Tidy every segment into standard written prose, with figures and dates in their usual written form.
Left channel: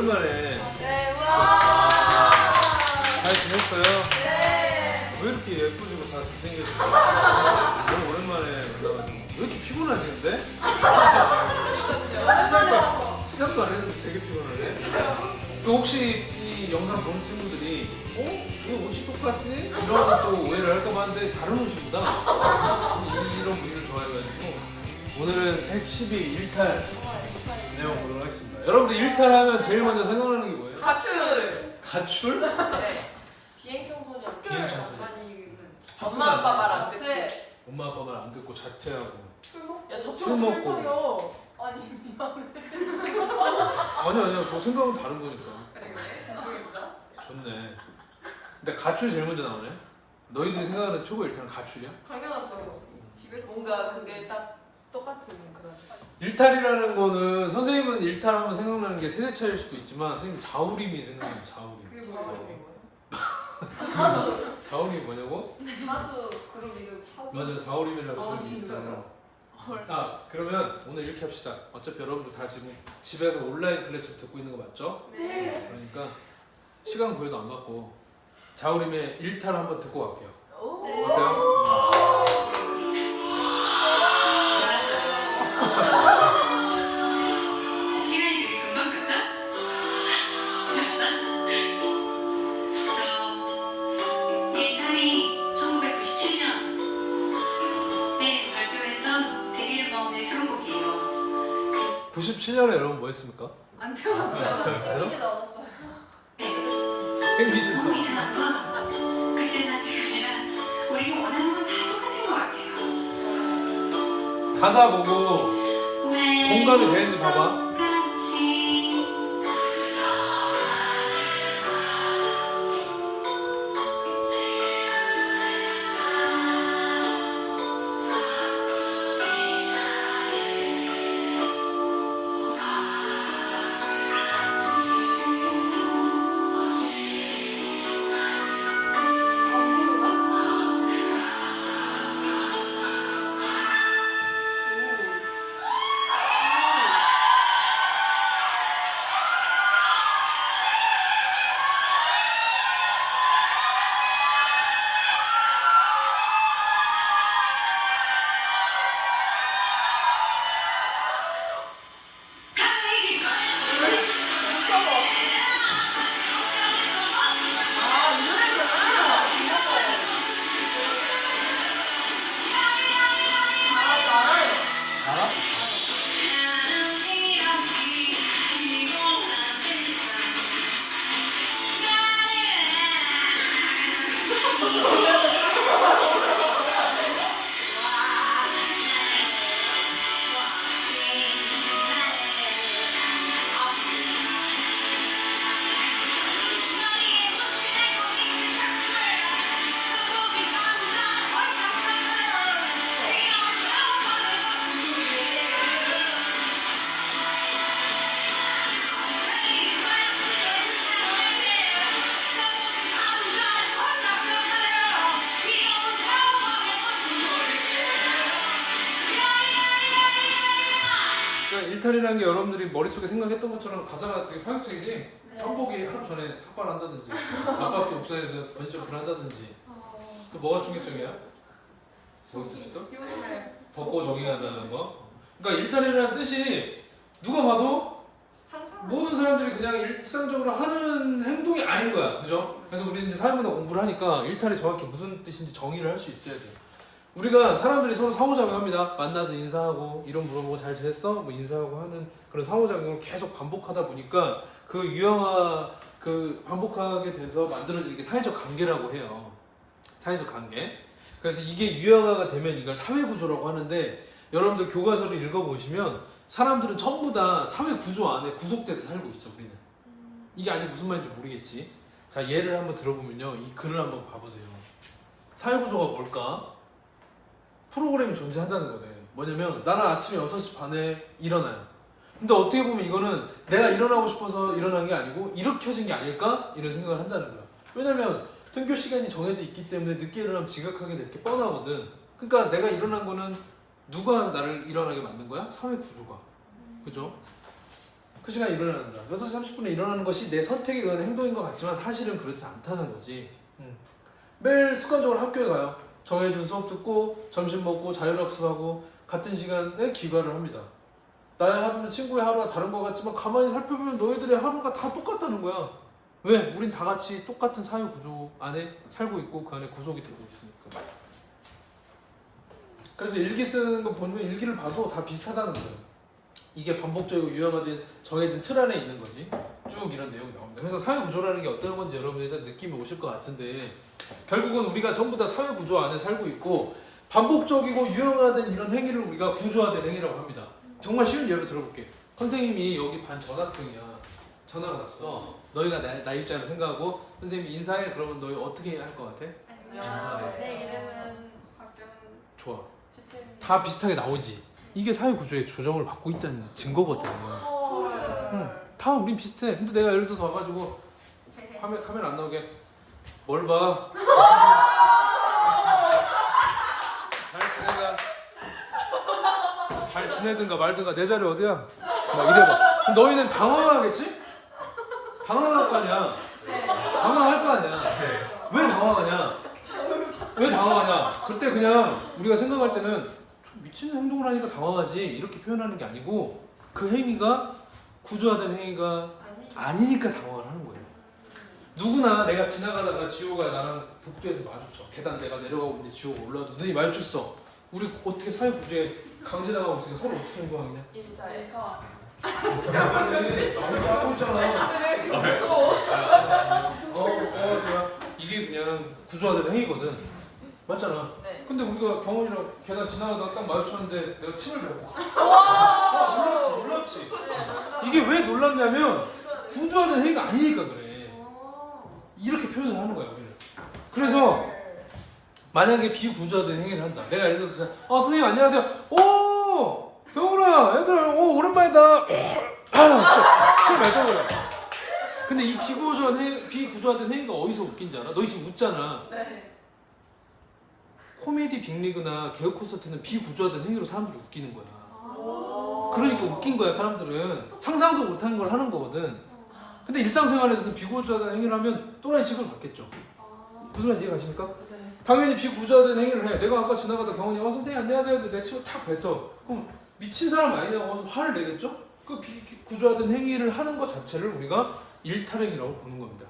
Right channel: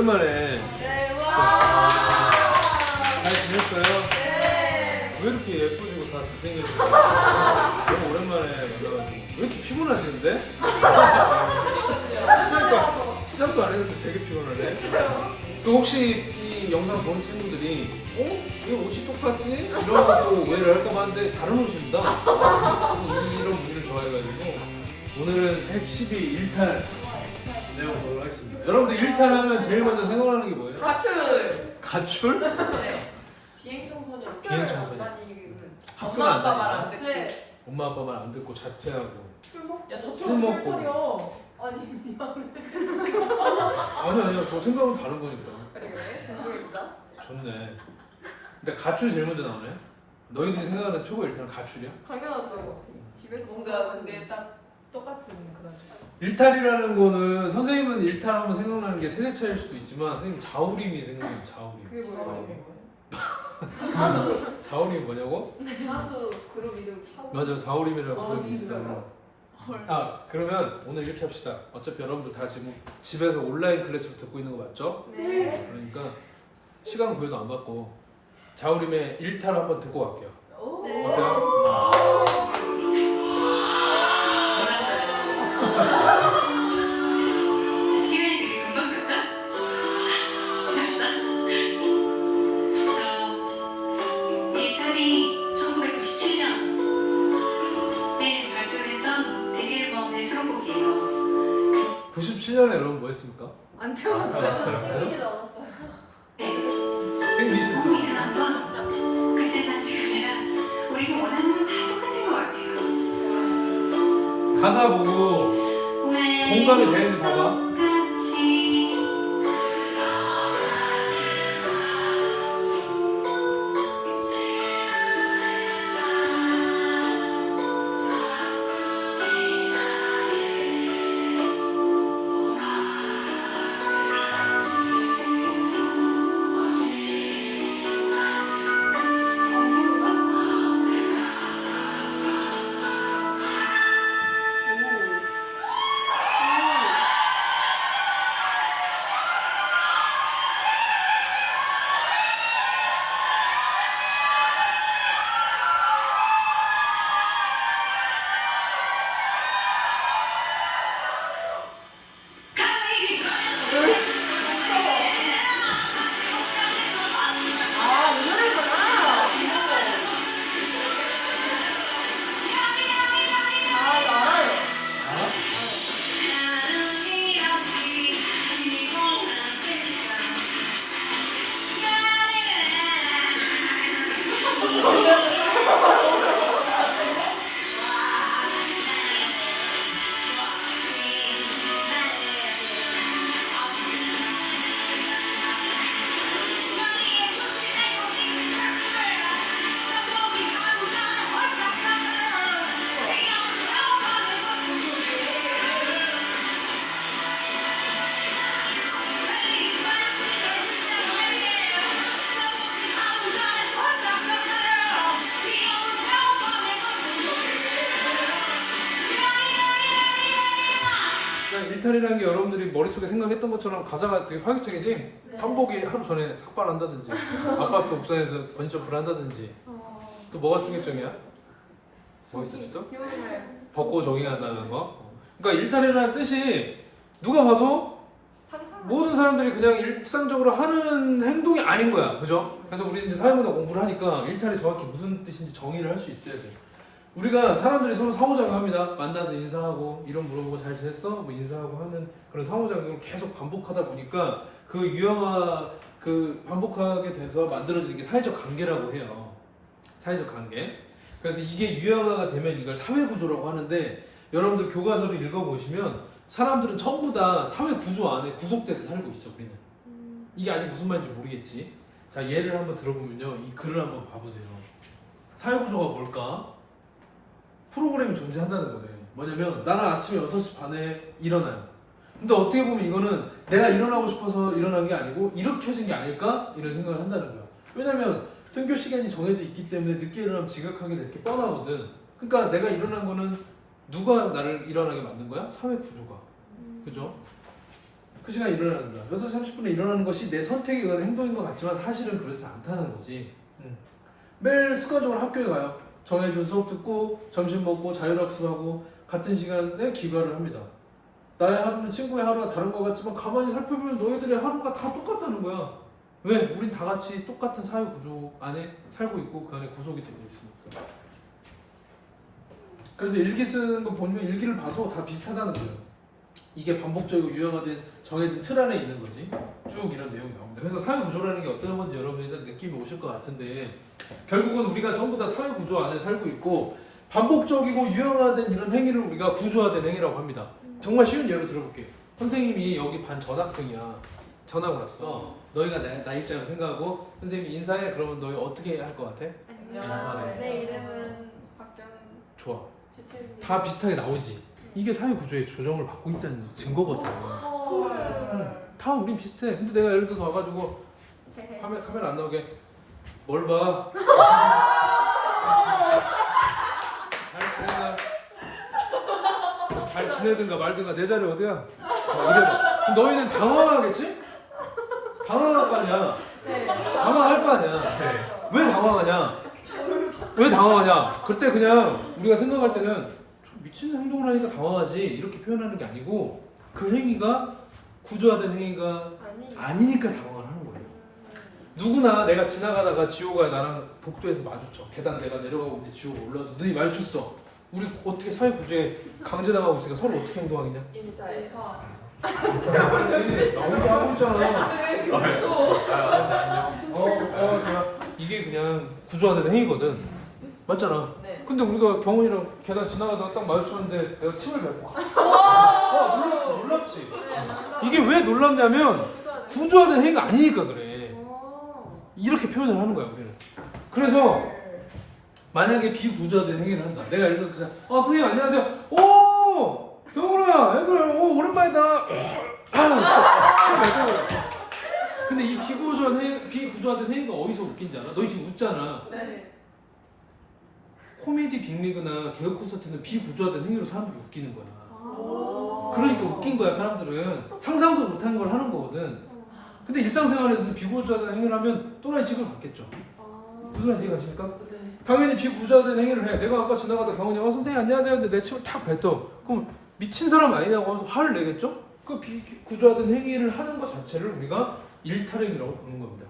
오랜만에 네, 와. 잘 지냈어요? 네. 왜 이렇게 예쁘시고 다 잘생겨지세요? 너무 오랜만에 만나가지고 왜 이렇게 피곤하시는데? 시작도 안 했는데 되게 피곤하네. 또 혹시 이 영상 보는 친구들이 이거 옷이 똑같지? 이런 것도 오해를 할까 봐 하는데 다른 옷입니다. 이런 분들 좋아해가지고 오늘은 핵12 일탈 내용으로 하겠습니다. 여러분들 일탈하면 제일 먼저 생각나는 게 뭐예요? 가출. 가출? 네. 비행 청소년. 비행 청소년. 다니는 학교도 엄마 안 아빠 말 다니나? 안 듣게. 엄마 아빠 말 안 듣고 자퇴하고 술 먹고 야, 저 술 먹고. 소리요. 아니 미안해. 아니야 그거 생각은 다른 거니까 그래 정중해지자. 좋네. 근데 가출 제일 먼저 나오네. 너희들이 생각하는 초보 일탈은 가출이야? 당연하죠. 집에서 뭔가 그게 딱 똑같은 그런. 일탈이라는 거는 선생님은 일탈하면 생각나는 게 세대 차이일 수도 있지만 선생님 자우림이 생각나요. 자우림. 그게 뭐예요? 가수 자우림이 뭐냐고? 가수 그룹 이름 차. 맞아 자우림이라고 아, 그런 게 진짜요? 있어요. 아 그러면 오늘 이렇게 합시다. 어차피 여러분들 다 지금 집에서 온라인 클래스로 듣고 있는 거 맞죠? 네. 그러니까 시간 구애도 안 받고 자우림의 일탈 한번 듣고 갈게요. 오. 어때요? 시간이 되게 금방 갈까? 저 일탈이 1997년에 발표했던 데뷔 앨범의 수록곡이에요. 97년에 여러분 뭐 했습니까? 안 저 태워졌죠. 생기지도 않았어요. 생리신 너무 이상한 건 그때나 지금이나 우리가 원하는 건 다 똑같은 것 같아요. 가사 보고 공감이 되는지 봐봐. 똑같이 아, 이 노래구나. 아, 이거 알아요. 그러니까 일탈이라는 게 여러분들이 머릿속에 생각했던 것처럼 가사가 되게 파격적이지? 선복이 하루 전에 삭발한다든지 아파트 옥상에서 번지점프를 한다든지 또 뭐가 충격적이야? 뭐 있었지 또? 기억이 나요. 걷고 조깅한다는 거? 그러니까 일탈이라는 뜻이 누가 봐도 상상. 모든 사람들이 그냥 일상적으로 하는 행동이 아닌 거야. 그죠? 그래서 우리 이제 사회문화 공부를 하니까 일탈이 정확히 무슨 뜻인지 정의를 할 수 있어야 돼. 우리가 사람들이 서로 상호작용합니다. 만나서 인사하고 이름 물어보고 잘 지냈어? 뭐 인사하고 하는 그런 상호작용을 계속 반복하다 보니까 그 반복하게 돼서 만들어지는 게 사회적 관계라고 해요. 사회적 관계. 그래서 이게 유형화가 되면 이걸 사회구조라고 하는데 여러분들 교과서를 읽어보시면 사람들은 전부 다 사회구조 안에 구속돼서 살고 있어. 그냥. 이게 아직 무슨 말인지 모르겠지. 자 예를 한번 들어보면요. 이 글을 한번 봐보세요. 사회구조가 뭘까? 프로그램이 존재한다는 거예요. 뭐냐면 나는 아침에 6시 반에 일어나요. 근데 어떻게 보면 이거는 내가 일어나고 싶어서 일어난 게 아니고 일으켜진 게 아닐까? 이런 생각을 한다는 거야. 왜냐면 등교 시간이 정해져 있기 때문에 늦게 일어나면 지각하게 될 게 뻔하거든. 그러니까 내가 일어난 거는 누가 나를 일어나게 만든 거야? 사회 구조가. 그죠? 그 시간에 일어난다. 6시 30분에 일어나는 것이 내 선택에 의한 행동인 것 같지만 사실은 그렇지 않다는 거지. 매일 습관적으로 학교에 가요. 정해준 수업 듣고 점심 먹고 자율학습하고 같은 시간에 귀가를 합니다. 나의 하루는 친구의 하루가 다른 것 같지만 가만히 살펴보면 너희들의 하루가 다 똑같다는 거야. 왜? 우린 다 같이 똑같은 사회 구조 안에 살고 있고 그 안에 구속이 되고 있으니까. 그래서 일기 쓰는 거 보면 일기를 봐도 다 비슷하다는 거예요. 이게 반복적으로 유형화된 정해진 틀 안에 있는 거지. 쭉 이런 내용이 나옵니다. 그래서 사회 구조라는 게 어떤 건지 여러분이 일단 느낌이 오실 것 같은데 결국은 우리가 전부 다 사회 구조 안에 살고 있고 반복적이고 유형화된 이런 행위를 우리가 구조화된 행위라고 합니다. 정말 쉬운 예를 들어볼게. 선생님이 여기 반 전학생이야. 전학을 왔어. 너희가 나 입장을 생각하고 선생님이 인사해. 그러면 너희 어떻게 할 것 같아? 안녕. 내 이름은 박경은. 좋아. 주체입니다. 다 비슷하게 나오지. 이게 사회 구조의 조정을 받고 있다는 증거거든. 소름. 다 우린 비슷해. 근데 내가 예를 들어서 와가지고 카메라 안 나오게 뭘 봐? 잘 지내든가 말든가 내 자리 어디야? 막 이래봐. 그럼 너희는 당황하겠지? 당황할 거 아니야. 네. 당황할 거 아니야. 맞아. 왜 당황하냐? 왜 당황하냐? 그때 그냥 우리가 생각할 때는 좀 미친 행동을 하니까 당황하지 이렇게 표현하는 게 아니고 그 행위가 구조화된 행위가 아니니까 당황을 하는 거예요. 누구나 내가 지나가다가 지호가 나랑 복도에서 마주쳐. 계단 내가 내려가고 있는데 지호가 올라와서 눈이 마주쳤어. 우리 어떻게 사회 구조에 강제당하고 있으니까 서로 어떻게 행동하겠냐? 인사해서 이게 그냥 구조화된 행위거든. 맞잖아. 네. 근데 우리가 경원이랑 계단 지나가다가 딱 마주쳤는데 내가 침을 뱉고 놀랍지. 이게 왜 놀랍냐면 구조화된 행위가 아니니까 그래. 이렇게 표현을 하는 거야 우리는. 그래서 만약에 비구조화된 행위를 한다. 내가 예를 들어서 선생님 안녕하세요. 오 경원아 얘들아 오랜만이다. 근데 이 비구조화된 행위가 어디서 웃긴지 알아? 너희 지금 웃잖아. 네. 코미디 빅리그나 개그 콘서트는 비구조화된 행위로 사람들이 웃기는 거야. 그러니까 웃긴 거야 사람들은. 상상도 못하는 걸 하는 거거든. 근데 일상생활에서는 비구조화된 행위를 하면 또다시 지금 받겠죠. 무슨 말인지 이해가십니까? 당연히 비구조화된 행위를 해. 내가 아까 지나가다 경원이 선생님 안녕하세요 근데 내 침을 탁 뱉어. 그럼 미친 사람 아니냐고 하면서 화를 내겠죠? 그 비구조화된 행위를 하는 것 자체를 우리가 일탈행위라고 보는 겁니다.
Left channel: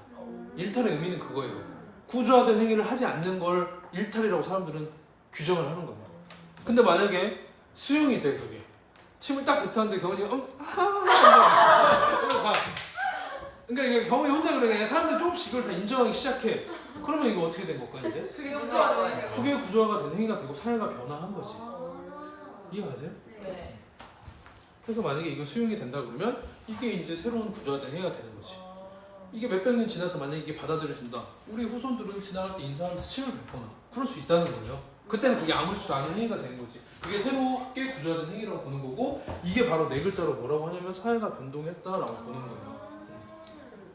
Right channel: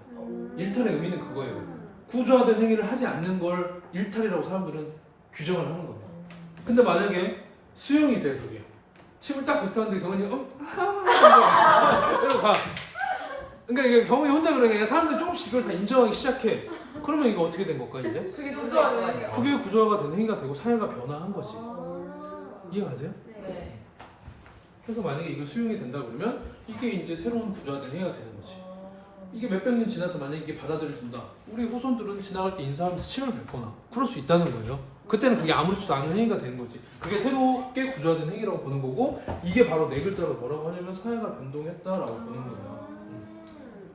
일탈의 의미는 그거예요. 구조화된 행위를 하지 않는 걸 일탈이라고 사람들은 규정을 하는 겁니다. 근데 만약에 수용이 돼 그게 침을 딱 뱉었는데 경원이 이러고 가. 그러니까 이게 경원이 혼자 그런 게 아니라 사람들이 조금씩 이걸 다 인정하기 시작해. 그러면 이거 어떻게 된 걸까 이제? 그게 구조화되는 그게 구조화가 된 행위가 되고 사회가 변화한 거지. 이해가세요? 네. 그래서 만약에 이거 수용이 된다 그러면 이게 이제 새로운 구조화된 행위가 되는 거지. 이게 몇백 년 지나서 만약에 이게 받아들여진다. 우리 후손들은 지나갈 때 인사하면서 침을 뱉거나 그럴 수 있다는 거예요. 그때는 그게 아무렇지도 않은 행위가 되는 거지. 그게 새롭게 구조화된 행위라고 보는 거고 이게 바로 네 글자로 뭐라고 하냐면 사회가 변동했다라고 보는 거예요.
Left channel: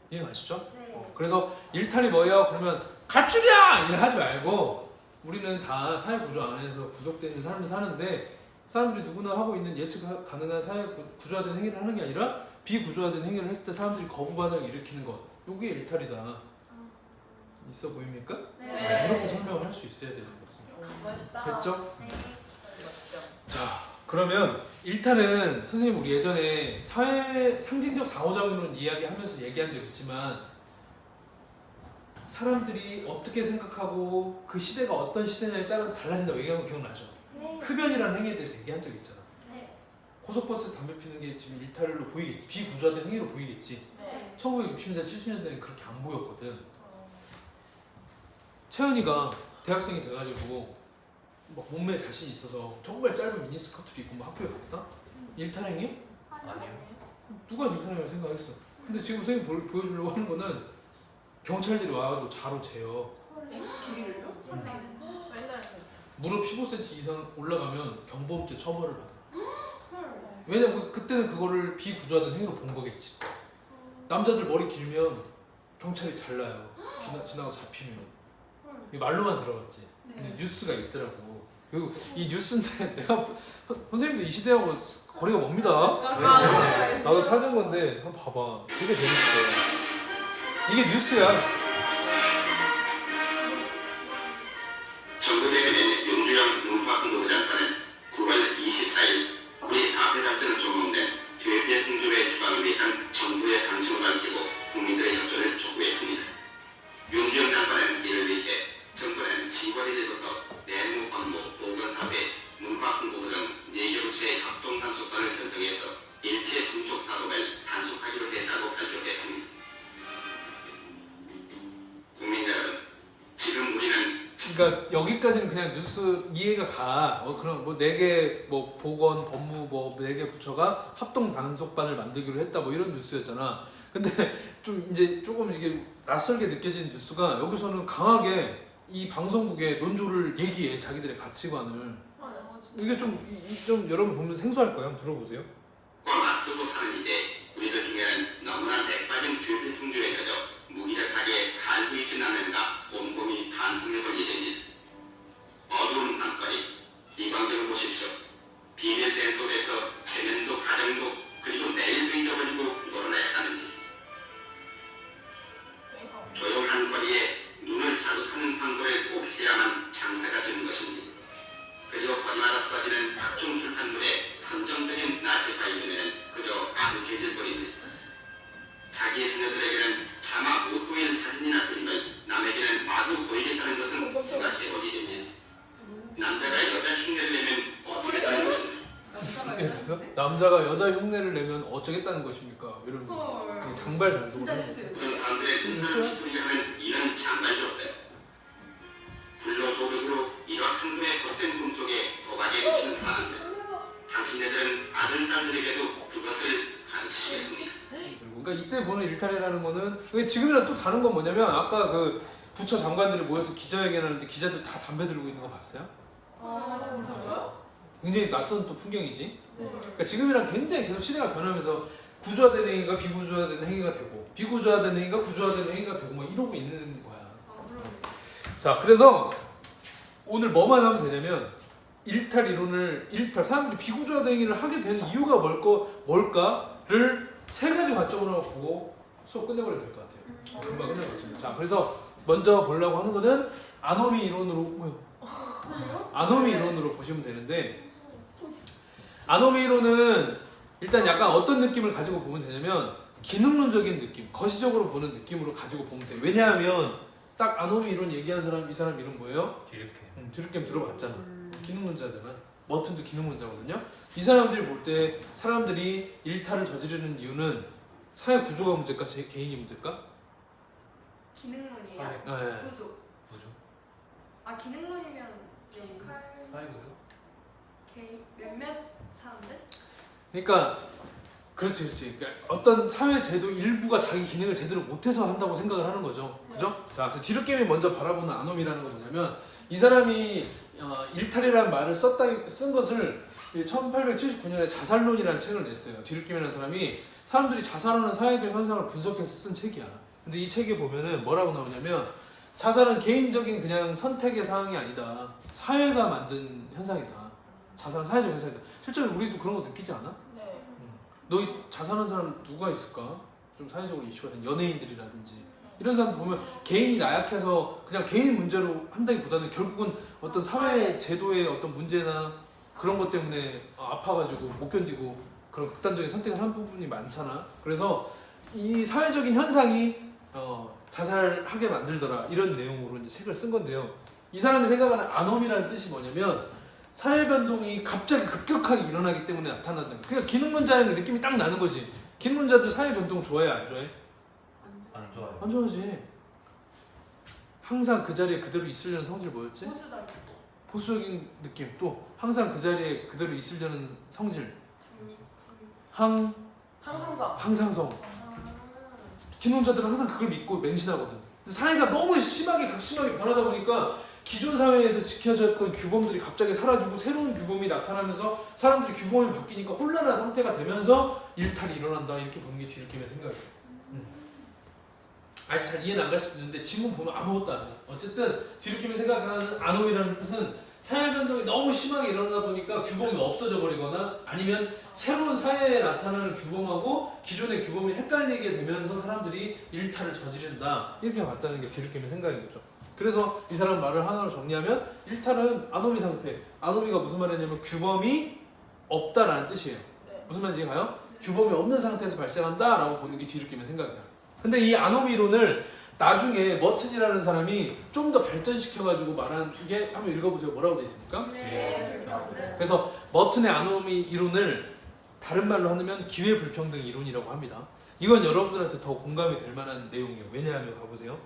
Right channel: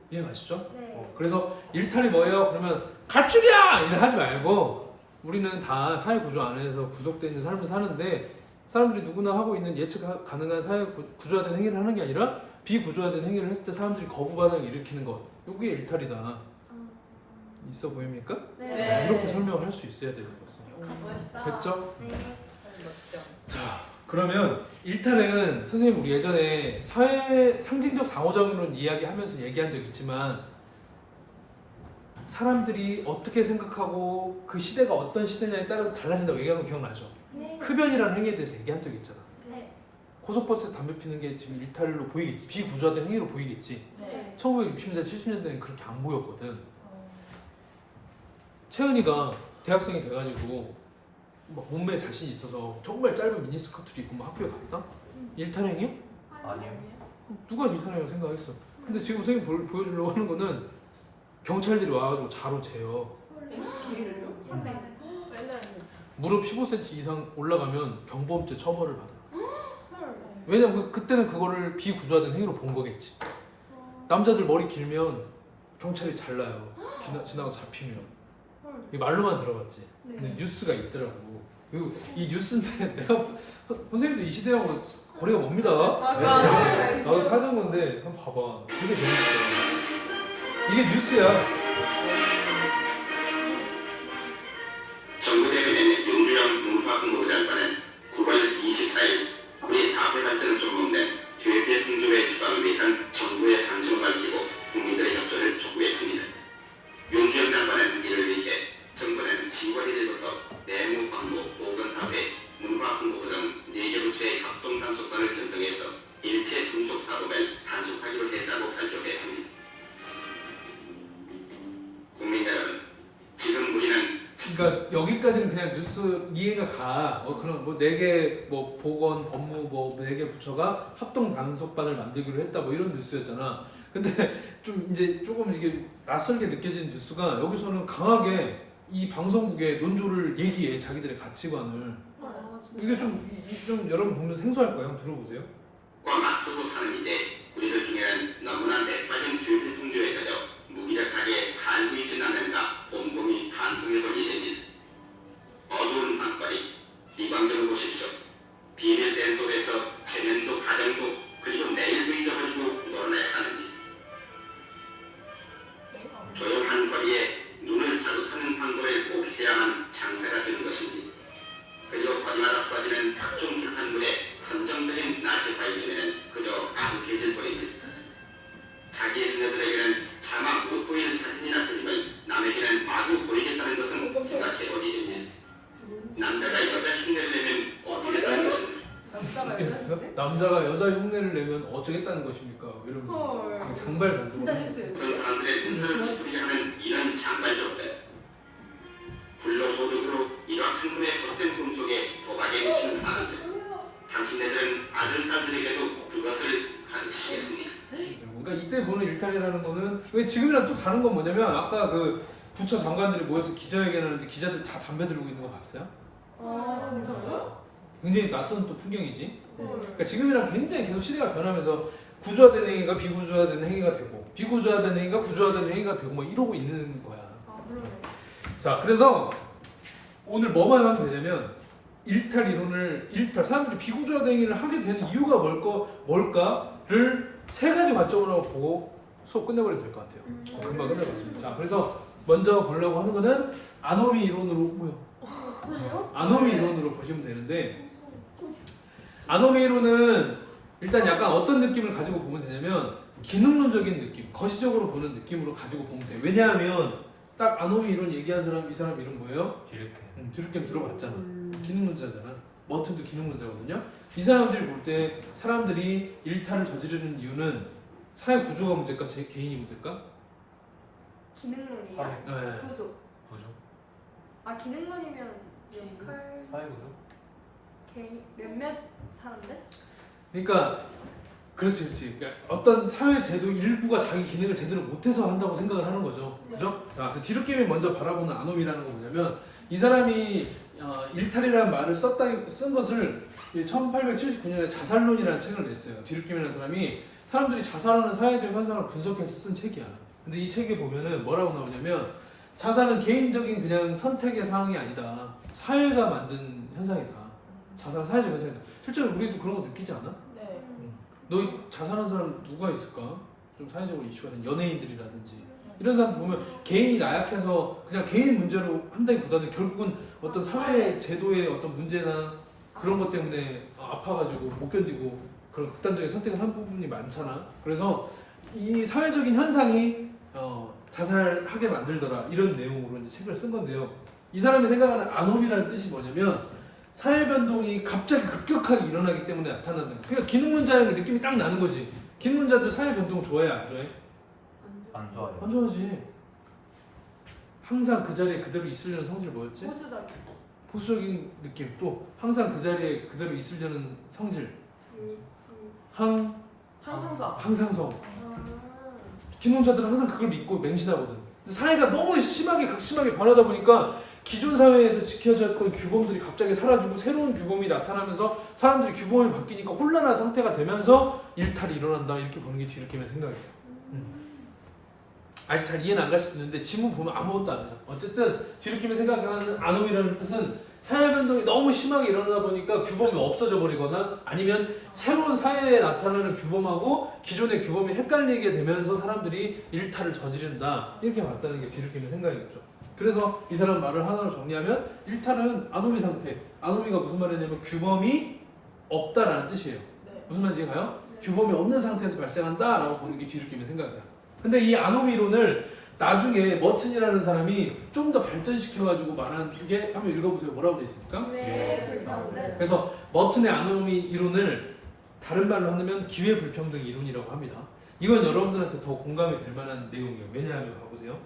이해가시죠? 네. 그래서 일탈이 뭐예요? 그러면 가출이야! 이래 하지 말고 우리는 다 사회 구조 안에서 구속되어 있는 삶을 사는데 사람들이 누구나 하고 있는 예측 가능한 사회 구조화된 행위를 하는 게 아니라 비구조화된 행위를 했을 때 사람들이 거부 반응을 일으키는 것. 이게 일탈이다. 있어 보입니까? 네. 이렇게 설명을 할 수 있어야 되는 거죠. 멋있다. 됐죠? 네. 자, 그러면 일탈은 선생님 우리 예전에 사회 상징적 상호작용론 이야기하면서 얘기한 적 있지만 사람들이 어떻게 생각하고 그 시대가 어떤 시대냐에 따라서 달라진다고 얘기한 거 기억나죠? 네. 흡연이라는 행위에 대해서 얘기한 적 있잖아. 네. 고속버스에서 담배 피는 게 지금 일탈로 보이겠지. 비구조화된 행위로 보이겠지. 네. 1960년대, 70년대는 그렇게 안 보였거든. 태연이가 대학생이 돼가지고 막 몸매에 자신이 있어서 정말 짧은 미니스커트를 입고 막 학교에 갔다? 일탈행위야? 아니요. 누가 일탈행위라고 생각했어? 근데 지금 선생님 보여주려고 하는 거는 경찰들이 와가지고 자로 재요. 무릎 15cm 이상 올라가면 경범죄 처벌을 받아. 왜냐면 그때는 그거를 비구조화된 행위로 본 거겠지. 남자들 머리 길면 경찰이 잘라요. 지나가 잡히면. 이게 말로만 들어봤지. 근데 뉴스가 있더라고. 그리고 이 뉴스인데 내가 선생님도 이 시대하고 거리가 멉니다. 맞아. 네. 나도 찾은 건데 한번 봐봐. 되게 재밌어. 이게 뉴스야. 정부대변인 윤주영 문화공보부장관은 9월 24일 우리 사회 발전을 쫓는 교육의 풍조의 주관을 위한 정부의 방침을 밝히고 국민들의 협조를 촉구했습니다. 윤주영 장관은 이를 위해 정부는 10월 1일부터 내무, 법무, 보건사회, 문화공보부 등 4개 부처의 합동 단속반을 편성해서 일체 분속 사업을 단속하기로 했다고 발표했습니다. 국민 여러분, 지금 우리는 그러니까 여기까지는 그냥 뉴스 이해가 가. 그럼 뭐 4개 뭐 보건, 법무 뭐 4개 부처가 합동 단속반을 만들기로 했다 뭐 이런 뉴스였잖아. 근데 좀 이제 조금 이게 낯설게 느껴지는 뉴스가 여기서는 강하게 이 방송국의 논조를 얘기해. 자기들의 가치관을. 아, 진짜. 이게 좀 여러분 보면 생소할까요? 한번 들어보세요. 과 맞서고 사는 이때 우리들 중에는 너무나 맥빠진 교육의 풍조에 젖어 무기력하게 살고 있진 않는가 곰곰이 반성해볼 일입니다. 어두운 밤거리 이 광경을 보십시오. 비밀된 속에서 체면도 가정도 그리고 내일도 잊어버리고 놀아내야 하는지, 조용한 거리에 눈을 자극하는 광고를 꼭 해야만 장사가 되는 것인지, 그리고 거리마다 쏟아지는 각종 출판물의 선정적인 낮의 바이든에는 그저 아득해질 뿐입니다. 자기의 자녀들에게는 차마 못 보일 사진이나 그림을 남에게는 마구 보이겠다는 것은 생각해보기 됩니다. 남자가 여자 흉내를 내면 어쩌겠다는 것입니다. 남자가 여자인데? 남자가 여자 흉내를 내면 어쩌겠다는 것입니까? 이런 헐. 장발 반성. 진짜 뉴스. 그런 사람들의 눈살을 찌푸리게 하는 이런 장발족들, 불로소득으로 일확천금의 헛된 꿈속에 도박에 미치는 사람들, 당신네들은 아들, 딸들에게도 그것을 가르치겠습니다. 그러니까 이때 보는 일탈이라는 거는 지금이랑 또 다른 건 뭐냐면 아까 그 부처 장관들이 모여서 기자회견하는데 기자들 다 담배 들고 있는 거 봤어요? 아 진짜요? 굉장히 낯선 또 풍경이지. 헐. 그러니까 지금이랑 굉장히 계속 시대가 변하면서 구조화된 행위가 비구조화된 행위가 되고 비구조화된 행위가 구조화된 행위가 되고 뭐 이러고 있는 거야. 아 그러네. 자, 그래서 오늘 뭐만 하면 되냐면 일탈 이론을 사람들이 비구조화된 행위를 하게 되는 이유가 뭘까를 3가지 관점으로 보고 수업 끝내버리면 될 것 같아요. 금방 끝낼 것 같습니다. 자, 그래서 먼저 보려고 하는 거는 아노미 이론으로 아노미 이론으로 보시면 되는데, 아노미 이론은 일단 약간 어떤 느낌을 가지고 보면 되냐면 기능론적인 느낌, 거시적으로 보는 느낌으로 가지고 보면 돼요. 왜냐하면 딱 아노미 이론 얘기한 사람, 이 사람 이름 뭐예요? 디르켐 들어봤잖아. 기능론자잖아. 머튼도 기능론자거든요. 이 사람들이 볼 때 사람들이 일탈을 저지르는 이유는 사회 구조가 문제일까, 제 개인이 문제일까? 기능론이요? 네. 구조. 아 기능론이면 역할 개인 몇몇 사람들? 그러니까 그렇지. 그러니까 어떤 사회 제도 일부가 자기 기능을 제대로 못해서 한다고 생각을 하는 거죠. 그죠? 자, 그래서 디르켐이 먼저 바라보는 아노미라는 건 뭐냐면 이 사람이 일탈이라는 말을 쓴 것을 1879년에 자살론이라는 책을 냈어요. 디르켐이라는 사람이 사람들이 자살하는 사회적 현상을 분석해서 쓴 책이야. 근데 이 책에 보면은 뭐라고 나오냐면 자살은 개인적인 그냥 선택의 사항이 아니다. 사회가 만든 현상이다. 자살은 사회적 현상이다. 실제로 우리도 그런 거 느끼지 않아? 네. 너 자살한 사람 누가 있을까? 좀 사회적으로 이슈가 된 연예인들이라든지 이런 사람 보면 개인이 나약해서 그냥 개인 문제로 한다기보다는 결국은 어떤 사회 제도의 어떤 문제나 그런 것 때문에 아파가지고 못 견디고 그런 극단적인 선택을 한 부분이 많잖아. 그래서 이 사회적인 현상이 자살하게 만들더라, 이런 내용으로 이제 책을 쓴 건데요. 이 사람이 생각하는 아노미라는 뜻이 뭐냐면 사회 변동이 갑자기 급격하게 일어나기 때문에 나타난다. 그러니까 기능론자의 느낌이 딱 나는 거지. 기능론자들 사회 변동 좋아해, 안 좋아해? 안 좋아요. 안 좋아하지. 항상 그 자리에 그대로 있으려는 성질 뭐였지? 보수적. 보수적인 느낌. 또 항상 그 자리에 그대로 있으려는 성질. 항상서. 항상성. 아. 기능자들은 항상 그걸 믿고 맹신하거든. 근데 사회가 너무 심하게 변하다 보니까 기존 사회에서 지켜졌던 규범들이 갑자기 사라지고 새로운 규범이 나타나면서 사람들이 규범이 바뀌니까 혼란한 상태가 되면서 일탈이 일어난다, 이렇게 보는 게 디르켐의 생각이에요. 아직 잘 이해는 안 갈 수도 있는데 지문 보면 아무것도 안 해요. 어쨌든 디르켐이 생각하는 아노미라는 뜻은 사회 변동이 너무 심하게 일어나다 보니까 규범이 없어져 버리거나 아니면 새로운 사회에 나타나는 규범하고 기존의 규범이 헷갈리게 되면서 사람들이 일탈을 저지른다 이렇게 봤다는 게 뒤늦게는 생각이겠죠. 그래서 이 사람 말을 하나로 정리하면 일탈은 아노미 상태. 아노미가 무슨 말이냐면 규범이 없다라는 뜻이에요. 네. 무슨 말인지 가요? 규범이 없는 상태에서 발생한다라고 보는 게 뒤늦게는 생각이야. 근데 이 아노미 이론을 나중에 머튼이라는 사람이 좀 더 발전시켜가지고 말하는 게 한번 읽어보세요. 뭐라고 돼 있습니까? 네, 불평등. 그래서 머튼의 아노미 이론을 다른 말로 하면 기회 불평등 이론이라고 합니다. 이건 여러분들한테 더 공감이 될 만한 내용이에요. 왜냐하면 봐보세요.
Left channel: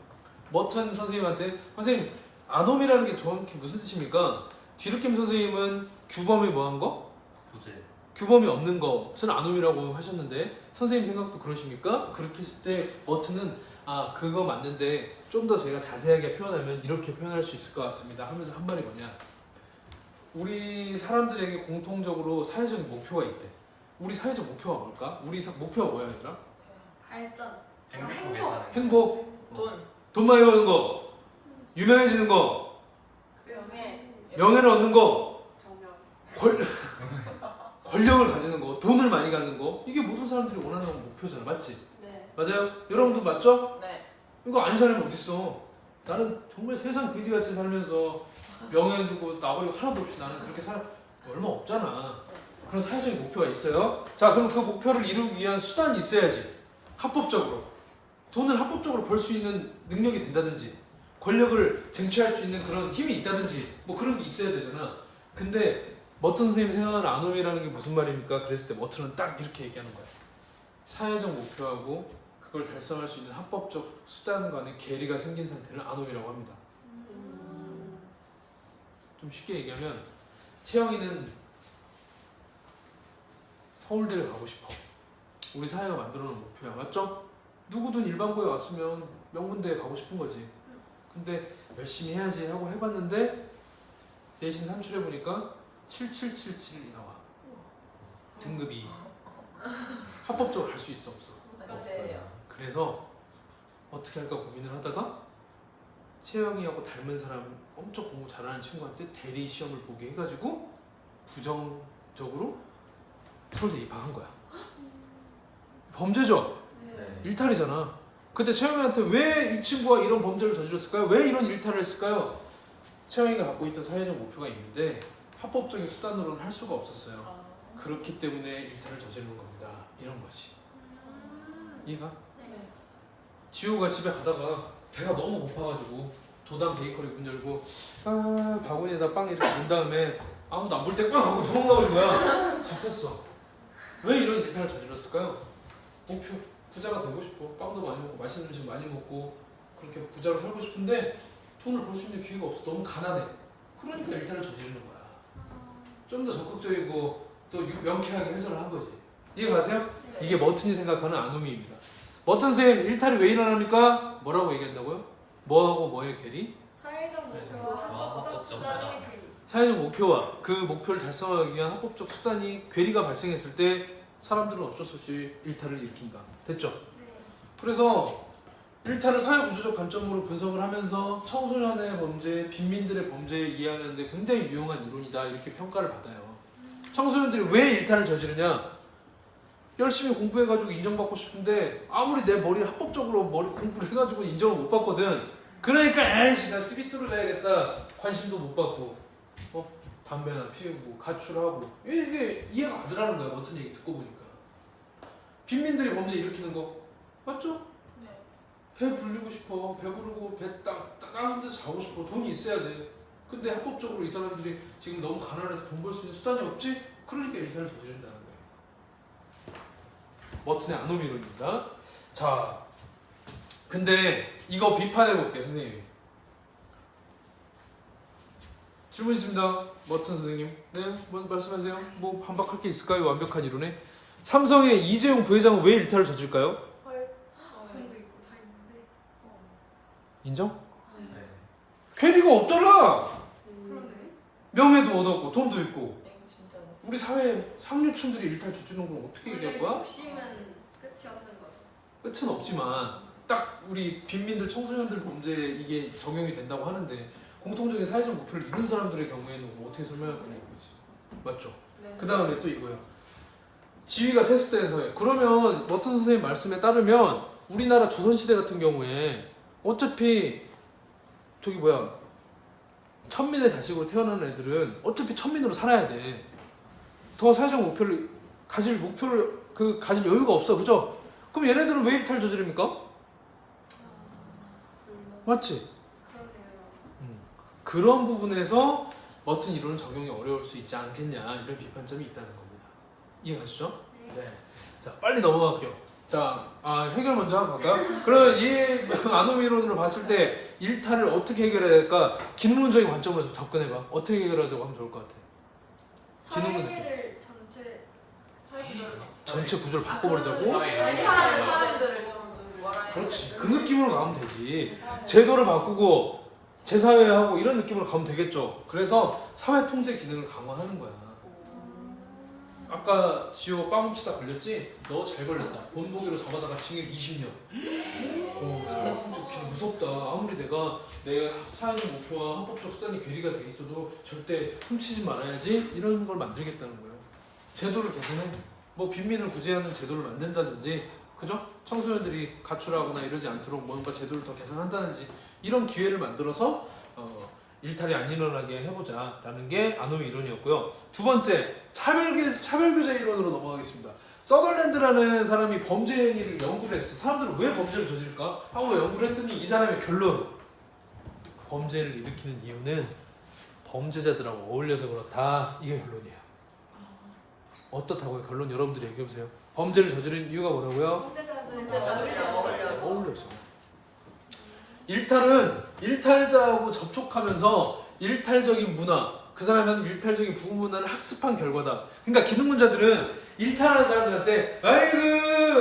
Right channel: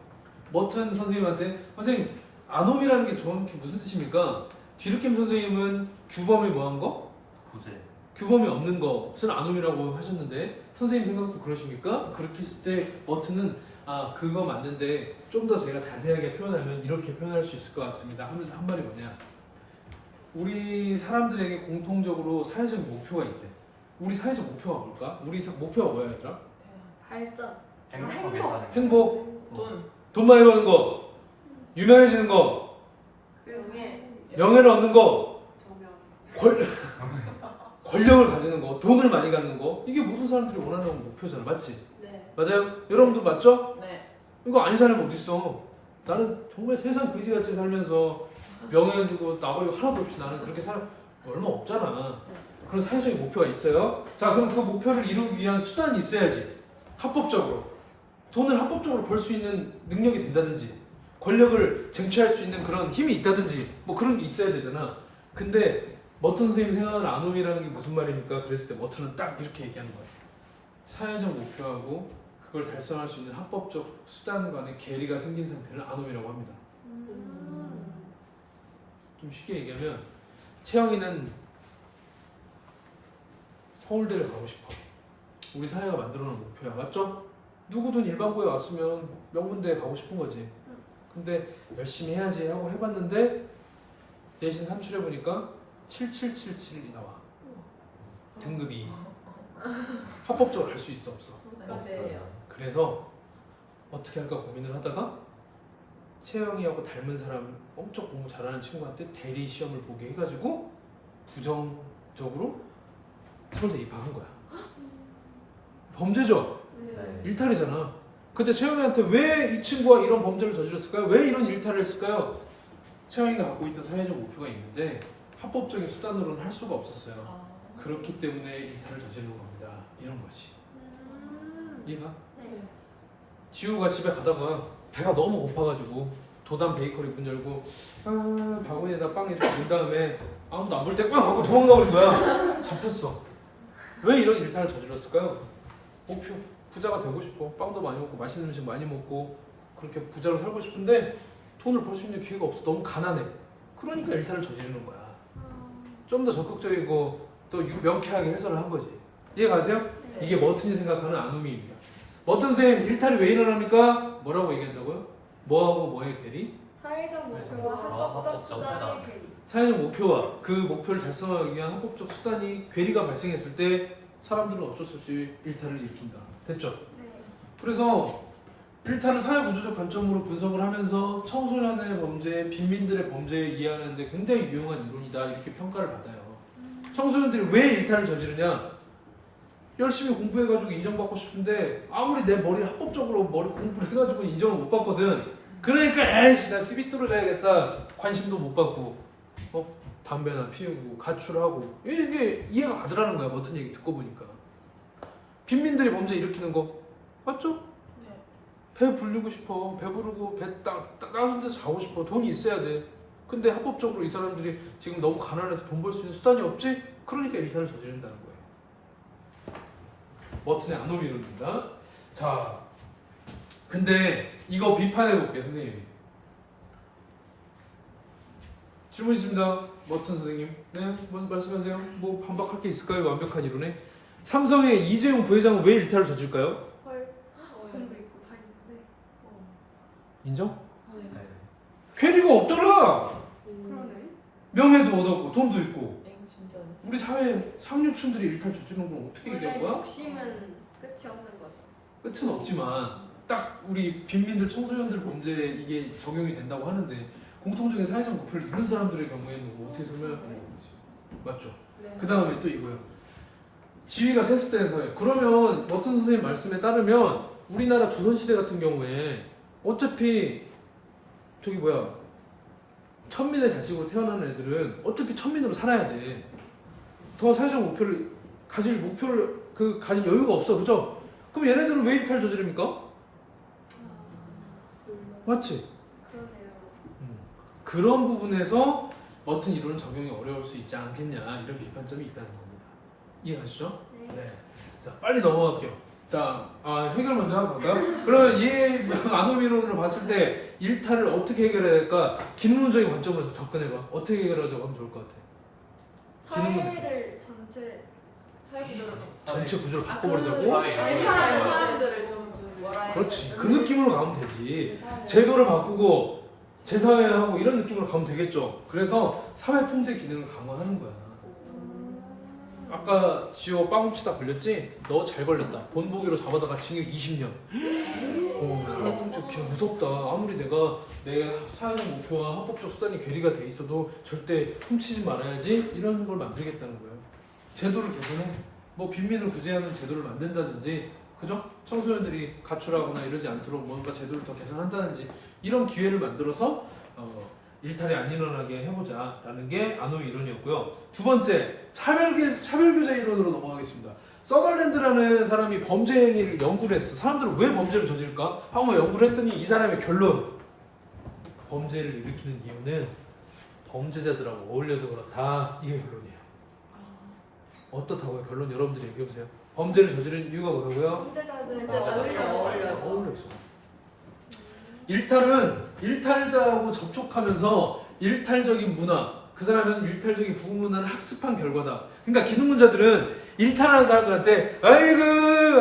머튼 선생님한테 선생님 아노미라는 게 정확히 무슨 뜻입니까? 디르킴 선생님은 규범이 뭐한 거? 부재. 규범이 없는 것은 아노미라고 하셨는데 선생님 생각도 그러십니까? 그렇게 했을 때 머튼은 아 그거 맞는데 좀 더 제가 자세하게 표현하면 이렇게 표현할 수 있을 것 같습니다 하면서 한 말이 뭐냐, 우리 사람들에게 공통적으로 사회적 목표가 있대. 우리 사회적 목표가 뭘까? 우리 목표가 뭐야 얘들아? 발전. 행복하게 행복. 사는 거. 행복, 돈 많이 버는 거, 유명해지는 거, 명예. 명예를 얻는 거, 정명. 권력을 가지는 거, 돈을 많이 갖는 거, 이게 모든 사람들이 원하는 목표잖아. 맞지? 네. 맞아요? 여러분도 맞죠? 네. 이거 아닌 사람이 어딨어. 나는 정말 세상 그지같이 살면서 명예 두고 나버리고 하나도 없이 나는 그렇게 살아 얼마 없잖아. 그런 사회적인 목표가 있어요. 자 그럼 그 목표를 이루기 위한 수단이 있어야지. 합법적으로 돈을 합법적으로 벌 수 있는 능력이 된다든지 권력을 쟁취할 수 있는 그런 힘이 있다든지 뭐 그런 게 있어야 되잖아. 근데 머튼 선생님이 생각하는 아노미라는 게 무슨 말입니까? 그랬을 때 머튼은 딱 이렇게 얘기하는 거야. 사회적 목표하고 그걸 달성할 수 있는 합법적 수단 간의 괴리가 생긴 상태를 아노미라고 합니다. 좀 쉽게 얘기하면 채영이는 서울대를 가고 싶어. 우리 사회가 만들어놓은 목표야. 맞죠? 누구든 일반고에 왔으면 명문대에 가고 싶은 거지. 근데 열심히 해야지 하고 해봤는데 내신 산출해보니까 7777이 나와. 등급이 합법적으로 갈 수 있어 없어? 없어요. 그래서 어떻게 할까 고민을 하다가 채영이하고 닮은 사람 엄청 공부 잘하는 친구한테 대리 시험을 보게 해가지고 부정적으로 서울대 입학한 거야. 범죄죠? 네. 일탈이잖아. 그때 채영이한테 왜 이 친구가 이런 범죄를 저질렀을까요? 왜 이런 일탈을 했을까요? 채영이가 갖고 있던 사회적 목표가 있는데 합법적인 수단으로는 할 수가 없었어요. 그렇기 때문에 일탈을 저지르는 겁니다. 이런 거지. 이해가? 네. 지호가 집에 가다가 배가 너무 고파가지고 도담 베이커리 문 열고 아 바구니에다 빵 이렇게 문 다음에 아무도 안 볼 때 빵 하고 도망가 버린 거야. 잡혔어. 왜 이런 일탈을 저질렀을까요? 목표 부자가 되고 싶어. 빵도 많이 먹고 맛있는 음식 많이 먹고 그렇게 부자로 살고 싶은데 돈을 벌 수 있는 기회가 없어. 너무 가난해. 그러니까 일탈을 저지르는 거야. 좀 더 적극적이고 또 명쾌하게 해설을 한 거지. 이해가세요? 이게 머튼이 생각하는 아노미입니다. 머튼 쌤 일탈이 왜 일어납니까? 뭐라고 얘기한다고요? 뭐하고 뭐의 괴리? 사회적 목표와 합법적 수단의 괴리. 사회적 목표와 그 목표를 달성하기 위한 합법적 수단이 괴리가 발생했을 때 사람들은 어쩔 수 없이 일탈을 일으킨다. 됐죠? 네. 그래서 일탈을 사회 구조적 관점으로 분석을 하면서 청소년의 범죄, 빈민들의 범죄에 이해하는데 굉장히 유용한 이론이다 이렇게 평가를 받아요. 청소년들이 왜 일탈을 저지르냐? 열심히 공부해가지고 인정받고 싶은데 아무리 내 머리 합법적으로 머리 공부를 해가지고 인정을 못 받거든. 그러니까 에이씨 나 TV 뚫어줘야겠다. 관심도 못 받고 담배나 피우고 가출하고 이게 이해가 안 되라는 거야. 어떤 얘기 듣고 보니까 빈민들이 범죄 일으키는 거 맞죠? 배 불리고 싶어. 배부르고 배 따뜻한 데서 자고 싶어. 돈이 있어야 돼. 근데 합법적으로 이 사람들이 지금 너무 가난해서 돈 벌 수 있는 수단이 없지? 그러니까 일탈을 저지른다는 거예요. 머튼의 아노미론입니다. 자, 근데 이거 비판해 볼게요, 선생님이. 질문 있습니다. 머튼 선생님. 네, 뭐 말씀하세요. 뭐 반박할 게 있을까요? 완벽한 이론에. 삼성의 이재용 부회장은 왜 일탈을 저질까요? 헐. 돈도 있고 다 있는데. 인정? 네. 괴리가 없잖아. 그러네. 명예도 얻었고 돈도 있고. 우리 사회 상류층들이 일탈 저지르는 건 어떻게 원래 얘기할 거야? 욕심은 끝이 없는 거죠. 끝은 없지만 딱 우리 빈민들 청소년들 범죄에 이게 적용이 된다고 하는데 공통적인 사회적 목표를 이룬 사람들의 경우에는 뭐 어떻게 설명할 거냐 이거지. 맞죠? 네. 그 다음에 또 이거예요. 지위가 세습된 사회. 그러면 어떤 선생님 말씀에 따르면 우리나라 조선시대 같은 경우에 어차피 저기 뭐야 천민의 자식으로 태어난 애들은 어차피 천민으로 살아야 돼. 더 사회적 목표를 가질 여유가 없어, 그죠? 그럼 얘네들은 왜 일탈 저지릅니까? 맞지? 그러네요. 그런 부분에서 머튼 이론은 적용이 어려울 수 있지 않겠냐 이런 비판점이 있다는 겁니다. 이해가시죠? 네. 자 빨리 넘어갈게요. 자 해결 먼저 하고 갈까? 그럼 이 아놈 이론으로 봤을 때 일탈을 어떻게 해결해야 될까? 기능론적인 관점에서 접근해봐. 어떻게 해결하자고 하면 좋을 것 같아. 기능론 사회를 전체 사회 구조를 전체 구조를 그 바꿔보자고? 아니 사람들을 좀 뭐라 그렇지. 그 느낌으로 가면 되지. 제도를 바꾸고 재사회하고 이런 느낌으로 가면 되겠죠. 그래서 사회 통제 기능을 강화하는 거야. 아까 지호 빵 훔치다 걸렸지? 너 잘 걸렸다. 본보기로 잡아다가 징역 20년. 사회 통제 기능 무섭다. 아무리 내가 내 사회적 목표와 합법적 수단이 괴리가 돼 있어도 절대 훔치지 말아야지 이런 걸 만들겠다는 거예요. 제도를 개선해. 뭐 빈민을 구제하는 제도를 만든다든지, 그죠? 청소년들이 가출하거나 이러지 않도록 뭔가 제도를 더 개선한다든지 이런 기회를 만들어서 일탈이 안 일어나게 해보자라는 게 아노미 이론이었고요. 두 번째, 차별교제 이론으로 넘어가겠습니다. 서덜랜드라는 사람이 범죄 행위를 연구를 했어. 사람들은 왜 범죄를 저지를까? 하고 연구를 했더니 이 사람의 결론, 범죄를 일으키는 이유는 범죄자들하고 어울려서 그렇다. 이게 결론이에요. 어떻다고요? 결론 여러분들이 얘기해보세요. 범죄를 저지르는 이유가 뭐라고요? 범죄자들과 어울려서. 어울렸어. 일탈은 일탈자하고 접촉하면서 일탈적인 문화, 그 사람이 하는 일탈적인 부문화를 학습한 결과다. 그러니까 기능문자들은 일탈하는 사람들한테 아이고